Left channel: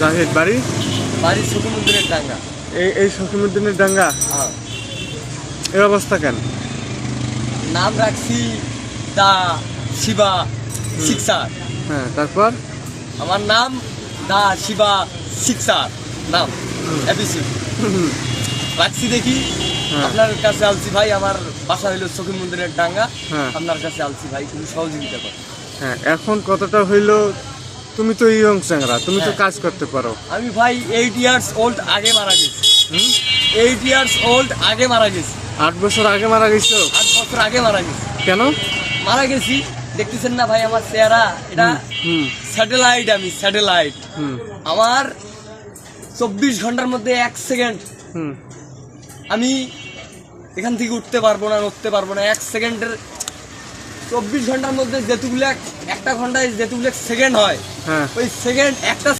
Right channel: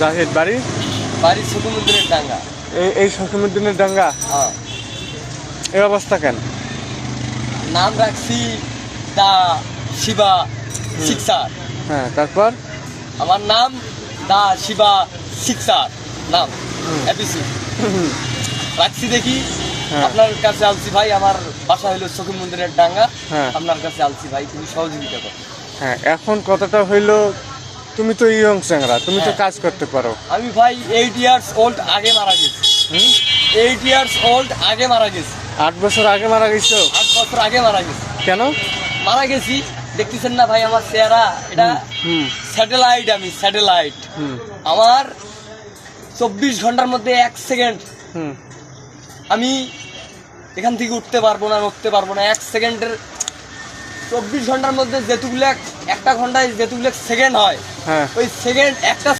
জাহিদ বাড়ি বাড়ি শকুমুদ্দিনের ডাঙ্গা। এই শকুমুদ্দিনের ডাঙ্গা। হ্যাঁ, এই অবস্থা কেন? নাম রাখছি দা শিবা শিকসার। হ্যাঁ, তারপর আমার নাম দা শিবা শিকসার নাম এবিসি রাখছি দেখি। হ্যাঁ। আপনার কাছে আলছি ভাই, আমার বাসা হইল শকুমুদ্দিনের ডাঙ্গা। হ্যাঁ। আপনার কাছে আলছি ভাই, তুমি সহযোগিতা করো। হ্যাঁ, এখন কতটা হইলো? তুমি তো ইয়ং চ্যাংরা, তুমি তো হ্যাঁ। কাজ করতে পারো। আমি ভাই 8 ইয়ার্স ওল্ড আগে মারা গেছি। 8 ইয়ার্স ওল্ড আগে মারা গেছি। 8 বছর আগে মারা গেছো? 8 বছর আগে মারা গেছি। কেন? মারা গেছি, দেখতেছেন না ভাই আমার চেহারা? এটা হুম স্যাটেলাইট, আমি স্যাটেলাইট। হুম আমার 24 ঘন্টার মধ্যে 1 সেকেন্ড হুম আমি এখান থেকে উঠতে পারবো না, উঠতে পারবো না। 1 সেকেন্ডের 24 ঘন্টার মধ্যে যেতুগুলো একটা ঘন্টায় যেতুগুলো সেকেন্ড হয়, হ্যাঁ। ওই সেকেন্ড একটা